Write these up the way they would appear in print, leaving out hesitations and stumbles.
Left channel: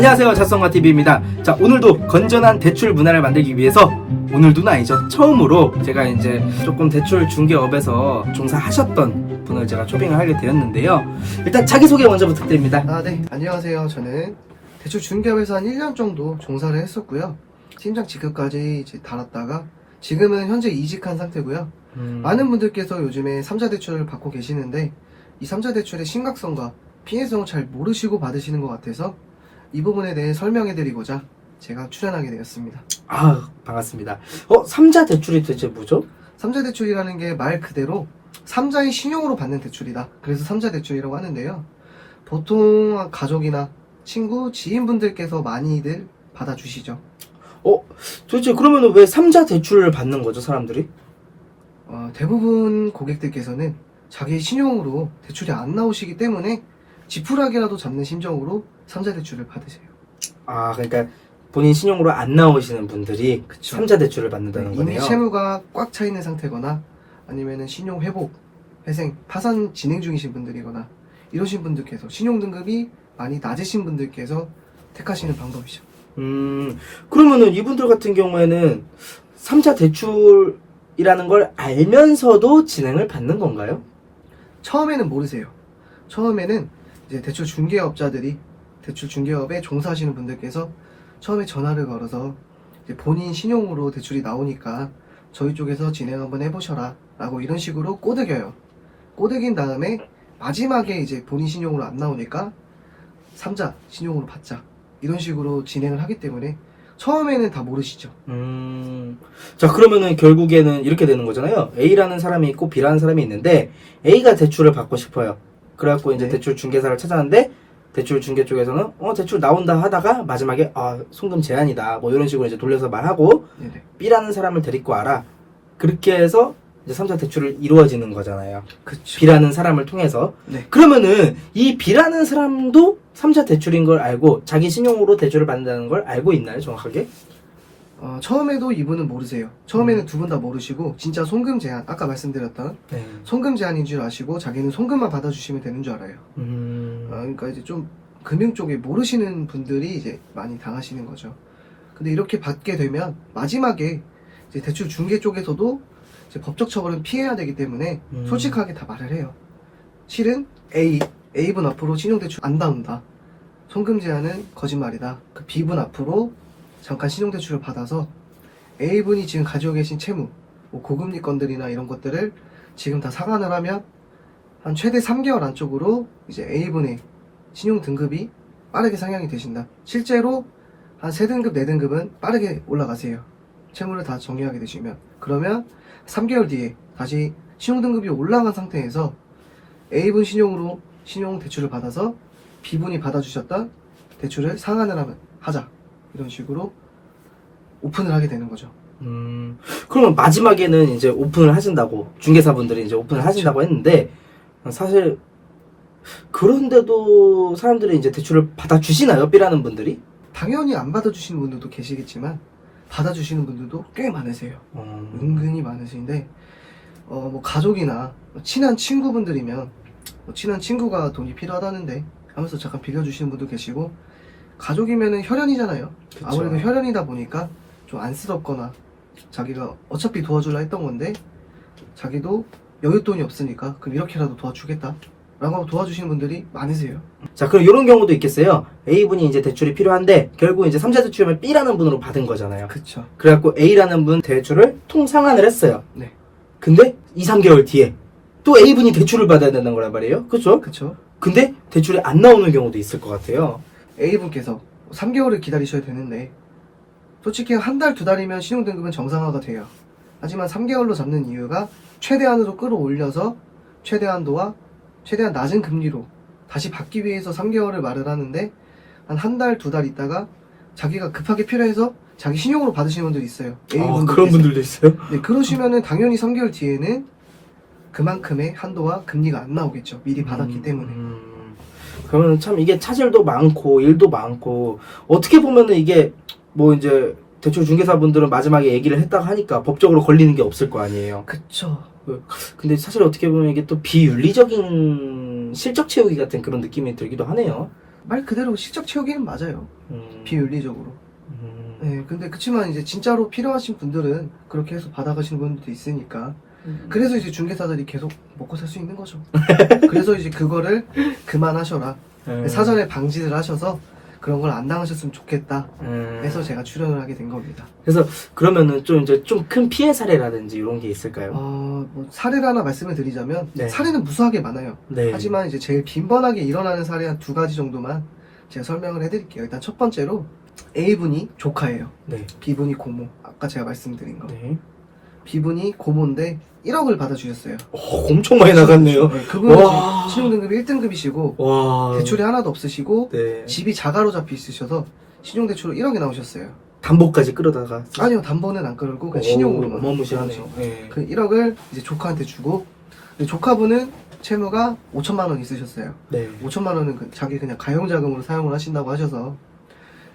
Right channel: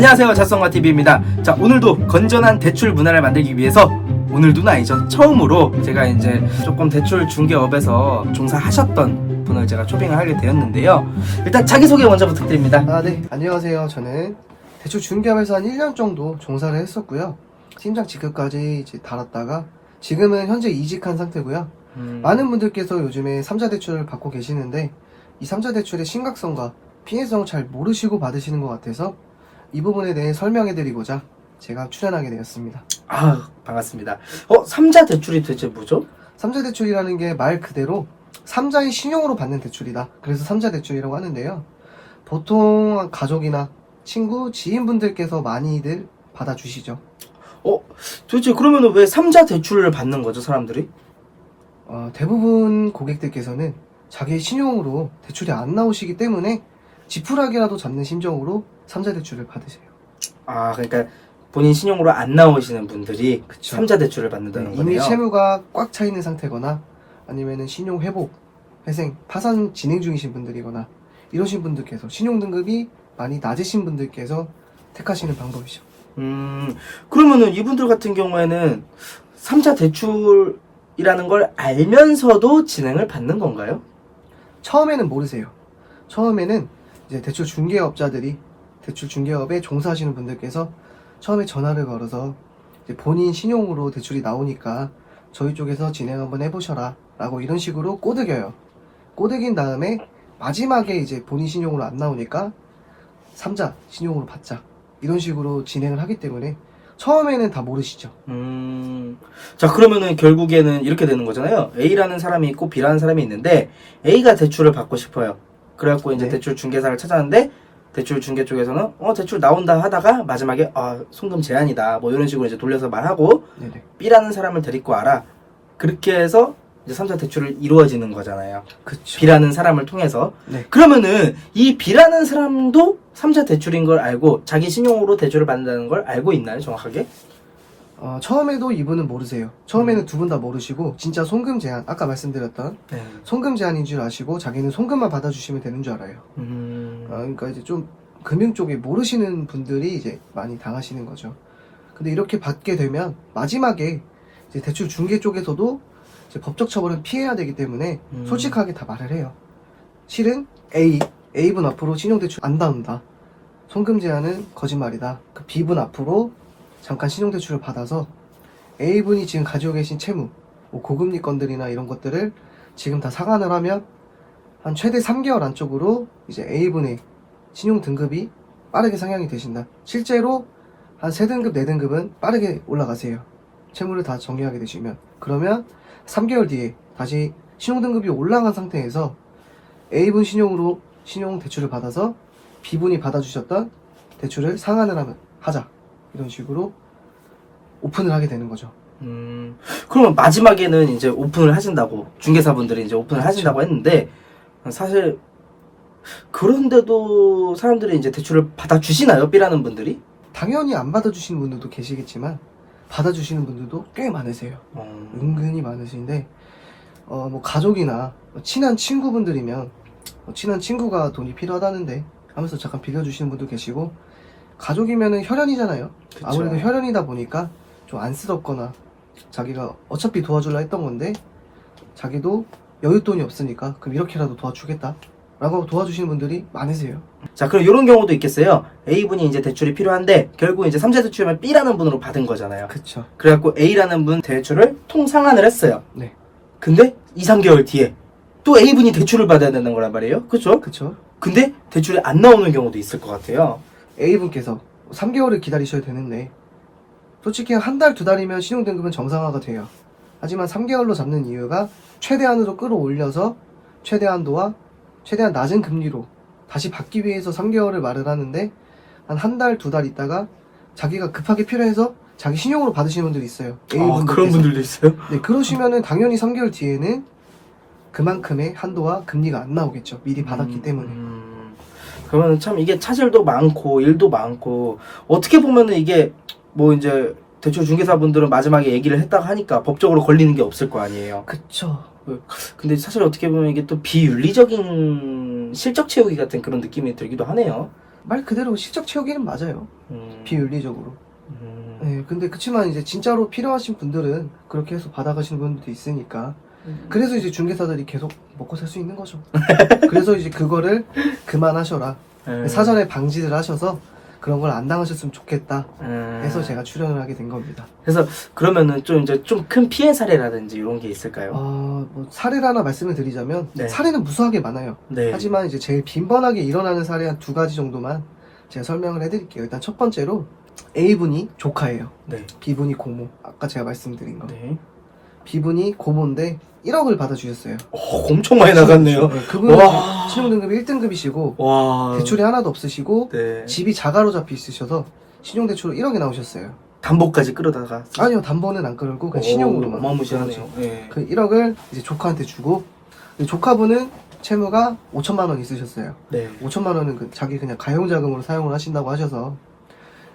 안녕하세요, 자성화TV입니다. 자, 오늘도 건전한 대출 문화를 만들기 위해서, 오늘도는 아니죠, 처음으로 제가 이제 조금 대출 중개업에서 종사하셨던 분을 제가 초빙을 하게 되었는데요. 일단 자기소개 먼저 부탁드립니다. 네. 안녕하세요. 저는 대출 중개업에서 한 1년 정도 종사를 했었고요. 팀장 직급까지 이제 달았다가 지금은 현재 이직한 상태고요. 많은 분들께서 요즘에 3자 대출을 받고 계시는데 이 3자 대출의 심각성과 피해성을 잘 모르시고 받으시는 것 같아서 이 부분에 대해 설명해드리고자 제가 출연하게 되었습니다. 아, 반갑습니다. 3자 대출이 대체 뭐죠? 3자 대출이라는 게 말 그대로 3자의 신용으로 받는 대출이다. 그래서 3자 대출이라고 하는데요. 보통 가족이나 친구, 지인분들께서 많이들 받아주시죠. 도대체 그러면 왜 3자 대출을 받는 거죠, 사람들이? 대부분 고객들께서는 자기 신용으로 대출이 안 나오시기 때문에 지푸라기라도 잡는 심정으로 3자 대출을 받으세요. 아, 그러니까 본인 신용으로 안 나오시는 분들이 그쵸. 3자 대출을 받는다는 거네요. 이미 채무가 꽉 차 있는 상태거나 아니면 신용 회복, 회생, 파산 진행 중이신 분들이거나 이러신 분들께서 신용 등급이 많이 낮으신 분들께서 택하시는 방법이죠. 그러면은 이분들 같은 경우에는 3자 대출이라는 걸 알면서도 진행을 받는 건가요? 처음에는 모르세요. 처음에는 이제 대출 중개업자들이 대출 중개업에 종사하시는 분들께서 처음에 전화를 걸어서 이제 본인 신용으로 대출이 나오니까 저희 쪽에서 진행 한번 해보셔라 라고 이런 식으로 꼬드겨요. 꼬드긴 다음에 마지막에 이제 본인 신용으로 안 나오니까 3자 신용으로 받자 이런 식으로 진행을 하기 때문에 처음에는 다 모르시죠. 자, 그러면은 결국에는 이렇게 되는 거잖아요. A라는 사람이 있고 B라는 사람이 있는데 A가 대출을 받고 싶어요. 그래갖고 이제 네. 대출 중개사를 찾아왔는데 대출 중개 쪽에서는 대출 나온다 하다가 마지막에 송금 제한이다 뭐 이런 식으로 이제 돌려서 말하고 네네. B라는 사람을 데리고 와라. 그렇게 해서 이제 3자 대출을 이루어지는 거잖아요. 그쵸. B라는 사람을 통해서. 네. 그러면은 이 B라는 사람도 3자 대출인 걸 알고 자기 신용으로 대출을 받는다는 걸 알고 있나요, 정확하게? 처음에도 이분은 모르세요. 처음에는 두 분 다 모르시고 진짜 송금 제한, 아까 말씀드렸던 네. 송금 제한인 줄 아시고 자기는 송금만 받아주시면 되는 줄 알아요. 그러니까 이제 좀 금융 쪽에 모르시는 분들이 이제 많이 당하시는 거죠. 근데 이렇게 받게 되면 마지막에 이제 대출 중개 쪽에서도 이제 법적 처벌은 피해야 되기 때문에 솔직하게 다 말을 해요. 실은 A분 앞으로 신용대출 안 나온다. 송금 제한은 거짓말이다. 그 B분 앞으로 잠깐 신용대출을 받아서 A분이 지금 가지고 계신 채무, 뭐 고금리 건들이나 이런 것들을 지금 다 상환을 하면 한 최대 3개월 안쪽으로 이제 A분의 신용 등급이 빠르게 상향이 되신다. 실제로 한 3등급, 4등급은 빠르게 올라가세요. 채무를 다 정리하게 되시면. 그러면 3개월 뒤에 다시 신용 등급이 올라간 상태에서 A분 신용으로 신용 대출을 받아서 B분이 받아주셨던 대출을 상환을 하자. 이런 식으로 오픈을 하게 되는 거죠. 그러면 마지막에는 이제 오픈을 하신다고, 중개사분들이 이제 오픈을 하신다고 했는데, 사실, 그런데도 사람들이 이제 대출을 받아주시나요? B라는 분들이? 당연히 안 받아주시는 분들도 계시겠지만, 받아주시는 분들도 꽤 많으세요. 은근히 많으신데, 뭐 가족이나 친한 친구분들이면, 친한 친구가 돈이 필요하다는데 하면서 잠깐 빌려주시는 분도 계시고, 가족이면은 혈연이잖아요. 그쵸. 아무래도 혈연이다 보니까 좀 안쓰럽거나 자기가 어차피 도와주려 했던 건데 자기도 여윳돈이 없으니까 그럼 이렇게라도 도와주겠다 라고 하고 도와주시는 분들이 많으세요. 자, 그럼 이런 경우도 있겠어요. A분이 이제 대출이 필요한데, 결국 이제 3자 대출이면 B라는 분으로 받은 거잖아요. 그쵸. 그래갖고 A라는 분 대출을 통상환을 했어요. 네. 근데 2, 3개월 뒤에 또 A분이 대출을 받아야 되는 거란 말이에요. 그쵸? 그쵸. 근데 대출이 안 나오는 경우도 있을 것 같아요. A분께서 3개월을 기다리셔야 되는데 솔직히 한 달, 두 달이면 신용등급은 정상화가 돼요. 하지만 3개월로 잡는 이유가 최대한으로 끌어올려서 최대한도와 최대한 낮은 금리로 다시 받기 위해서 3개월을 말을 하는데 한 달, 두 달 있다가 자기가 급하게 필요해서 자기 신용으로 받으시는 분들이 있어요. 그런 분들도 있어요? 네, 그러시면은 당연히 3개월 뒤에는 그만큼의 한도와 금리가 안 나오겠죠. 미리 받았기 때문에. 그러면 참 이게 차질도 많고 일도 많고, 어떻게 보면은 이게 뭐 이제 대출 중개사분들은 마지막에 얘기를 했다가 하니까 법적으로 걸리는 게 없을 거 아니에요. 그쵸. 근데 사실 어떻게 보면 이게 또 비윤리적인 실적 채우기 같은 그런 느낌이 들기도 하네요. 말 그대로 실적 채우기는 맞아요. 비윤리적으로. 네, 근데 그치만 이제 진짜로 필요하신 분들은 그렇게 해서 받아가시는 분들도 있으니까 그래서 이제 중개사들이 계속 먹고 살 수 있는 거죠. 그래서 이제 그거를 그만하셔라. 사전에 방지를 하셔서 그런 걸 안 당하셨으면 좋겠다 해서 제가 출연을 하게 된 겁니다. 그래서 그러면은 좀 이제 좀 큰 피해 사례라든지 이런 게 있을까요? 뭐 사례를 하나 말씀을 드리자면 네. 사례는 무수하게 많아요. 네. 하지만 이제 제일 빈번하게 일어나는 사례 한 2가지 정도만 제가 설명을 해드릴게요. 일단 첫 번째로 A분이 조카예요. 네. B분이 고모. 아까 제가 말씀드린 거. 네. B분이 고모인데 1억을 받아주셨어요. 엄청 많이 나갔네요. 네, 그분은 와. 신용등급이 1등급이시고 와. 대출이 하나도 없으시고 네. 집이 자가로 잡혀 있으셔서 신용대출로 1억이 나오셨어요. 담보까지 끌어다가. 아니요, 담보는 안 끌고 그냥 신용으로만. 어마무시하네요. 네. 그 1억을 이제 조카한테 주고 조카분은 채무가 5천만 원 있으셨어요. 네. 5천만 원은 자기 그냥 가용자금으로 사용을 하신다고 하셔서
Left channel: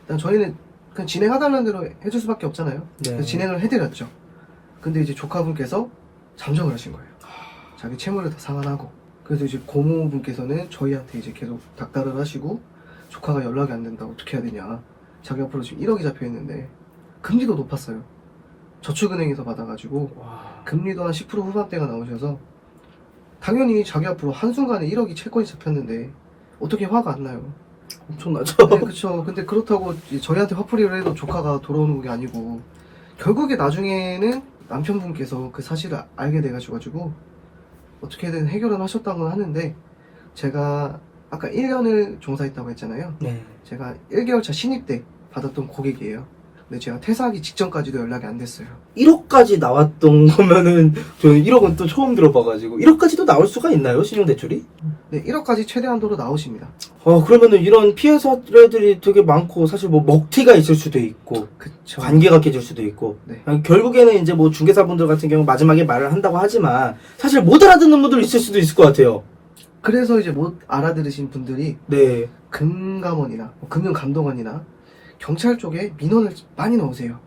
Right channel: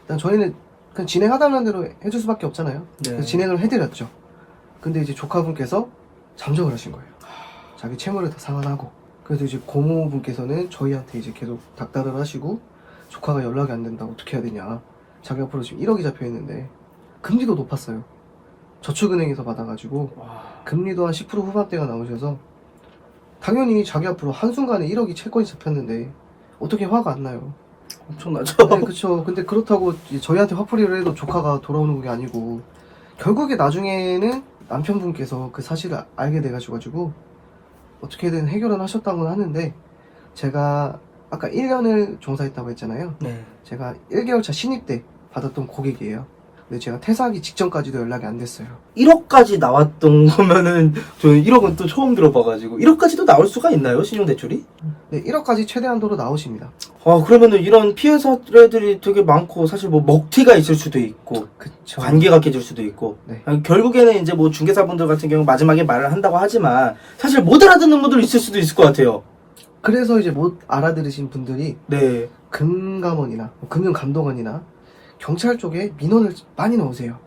일단 저희는 그냥 진행하달라는 대로 해줄 수밖에 없잖아요. 네. 그래서 진행을 해드렸죠. 근데 이제 조카분께서 잠적을 하신 거예요. 자기 채무를 다 상환하고. 그래서 이제 고모분께서는 저희한테 이제 계속 닥달을 하시고 조카가 연락이 안 된다. 어떻게 해야 되냐. 자기 앞으로 지금 1억이 잡혀 있는데 금리도 높았어요. 저축은행에서 받아가지고 와. 금리도 한 10% 후반대가 나오셔서 당연히 자기 앞으로 한순간에 1억이 채권이 잡혔는데 어떻게 화가 안 나요. 엄청나죠? 네, 그쵸. 근데 그렇다고 이제 저희한테 화풀이를 해도 조카가 돌아오는 게 아니고 결국에 나중에는 남편분께서 그 사실을 알게 돼가지고 어떻게든 해결은 하셨다고 하는데 제가 아까 1년을 종사했다고 했잖아요. 네. 제가 1개월차 신입 때 받았던 고객이에요. 근데 제가 퇴사하기 직전까지도 연락이 안 됐어요. 1억까지 나왔던 거면은 저는 1억은 또 처음 들어봐가지고 1억까지도 나올 수가 있나요? 신용대출이? 네, 1억까지 최대한도로 나오십니다. 그러면은 이런 피해 사례들이 되게 많고 사실 뭐 먹튀가 있을 수도 있고 그쵸. 관계가 깨질 수도 있고 네. 결국에는 이제 뭐 중개사분들 같은 경우 마지막에 말을 한다고 하지만 사실 못 알아듣는 분들 있을 수도 있을 것 같아요. 그래서 이제 못 알아들으신 분들이 네. 금감원이나 금융감독원이나 경찰 쪽에 민원을 많이 넣으세요.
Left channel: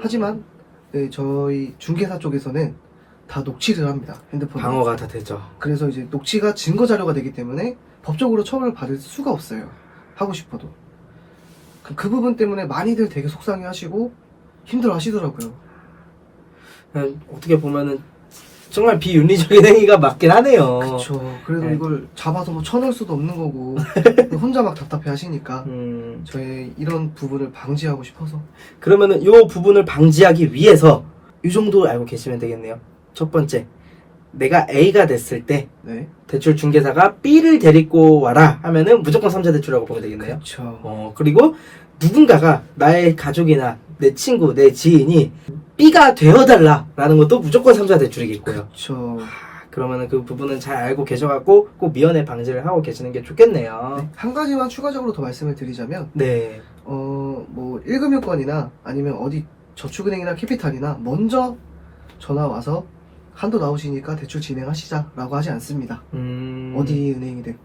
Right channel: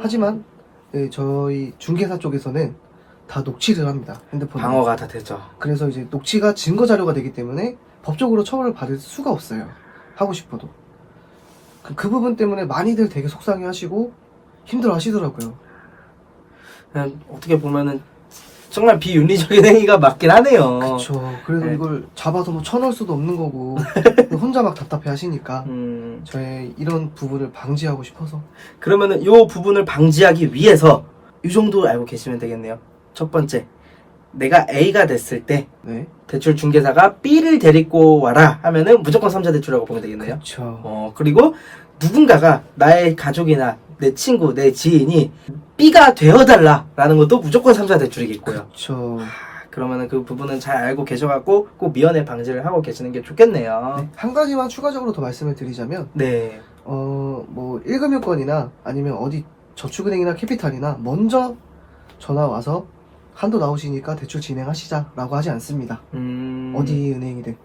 하지만 네, 저희 중개사 쪽에서는 다 녹취를 합니다. 핸드폰 방어가 다 되죠. 그래서 이제 녹취가 증거 자료가 되기 때문에 법적으로 처벌을 받을 수가 없어요. 하고 싶어도 그 부분 때문에 많이들 되게 속상해하시고 힘들어하시더라고요. 어떻게 보면은 정말 비윤리적인 행위가 맞긴 하네요. 그렇죠. 그래서 네. 이걸 잡아서 뭐 쳐넣을 수도 없는 거고 혼자 막 답답해 하시니까 저의 이런 부분을 방지하고 싶어서. 그러면은 이 부분을 방지하기 위해서 이 정도 알고 계시면 되겠네요. 첫 번째, 내가 A가 됐을 때 네. 대출 중개사가 B를 데리고 와라 하면은 무조건 3자 대출이라고 보면 되겠네요. 그렇죠. 그리고 누군가가 나의 가족이나 내 친구, 내 지인이 B가 되어달라 라는 것도 무조건 3자 대출이겠고요. 그렇죠. 그러면은 그 부분은 잘 알고 계셔갖고 꼭 미연에 방지를 하고 계시는 게 좋겠네요. 한 가지만 추가적으로 더 말씀을 드리자면 네. 뭐 1금융권이나 아니면 어디 저축은행이나 캐피탈이나 먼저 전화 와서 한도 나오시니까 대출 진행하시자 라고 하지 않습니다. 어디 은행이든.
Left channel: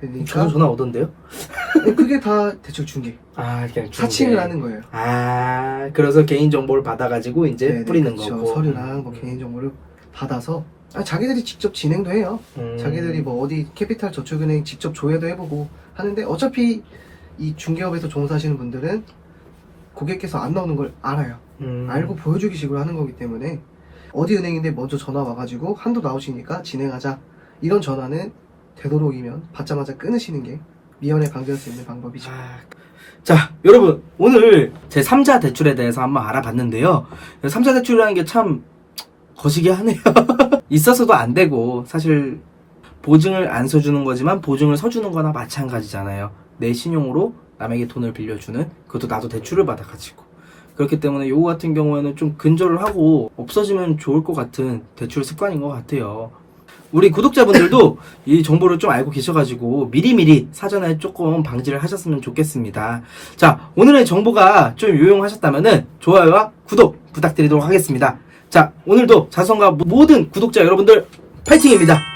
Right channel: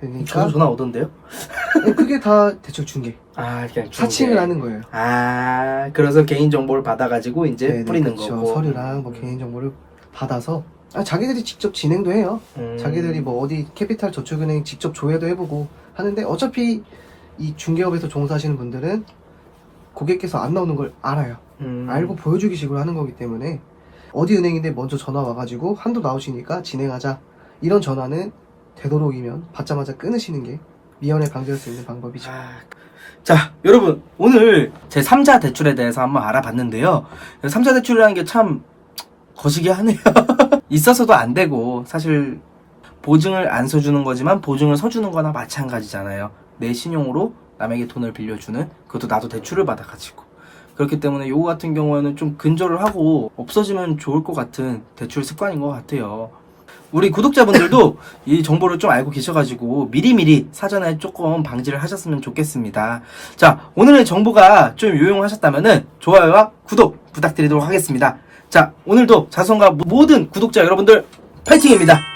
그러니까 저도 전화 오던데요? 그게 다 대출 중개. 그냥 중개. 사칭을 하는 거예요. 그래서 개인 정보를 받아가지고 이제 네네, 뿌리는 그쵸. 거고. 서류랑 뭐 개인 정보를 받아서 자기들이 직접 진행도 해요. 자기들이 뭐 어디 캐피탈 저축은행 직접 조회도 해보고 하는데 어차피 이 중개업에서 종사하시는 분들은 고객께서 안 나오는 걸 알아요. 알고 보여주기 식으로 하는 거기 때문에 어디 은행인데 먼저 전화 와가지고 한도 나오시니까 진행하자 이런 전화는 되도록이면 받자마자 끊으시는 게 미연에 방지할 수 있는 방법이죠. 자, 여러분 오늘 제 3자 대출에 대해서 한번 알아봤는데요. 3자 대출이라는 게 참 거시기 하네요. 있어서도 안 되고 사실 보증을 안 서주는 거지만 보증을 서주는 거나 마찬가지잖아요. 내 신용으로 남에게 돈을 빌려주는, 그것도 나도 대출을 받아가지고. 그렇기 때문에 요거 같은 경우에는 좀 근절을 하고 없어지면 좋을 것 같은 대출 습관인 것 같아요. 우리 구독자분들도 이 정보를 좀 알고 계셔가지고 미리미리 사전에 조금 방지를 하셨으면 좋겠습니다. 자, 오늘의 정보가 좀 유용하셨다면은 좋아요와 구독 부탁드리도록 하겠습니다. 자, 오늘도 자성과 모든 구독자 여러분들 파이팅입니다.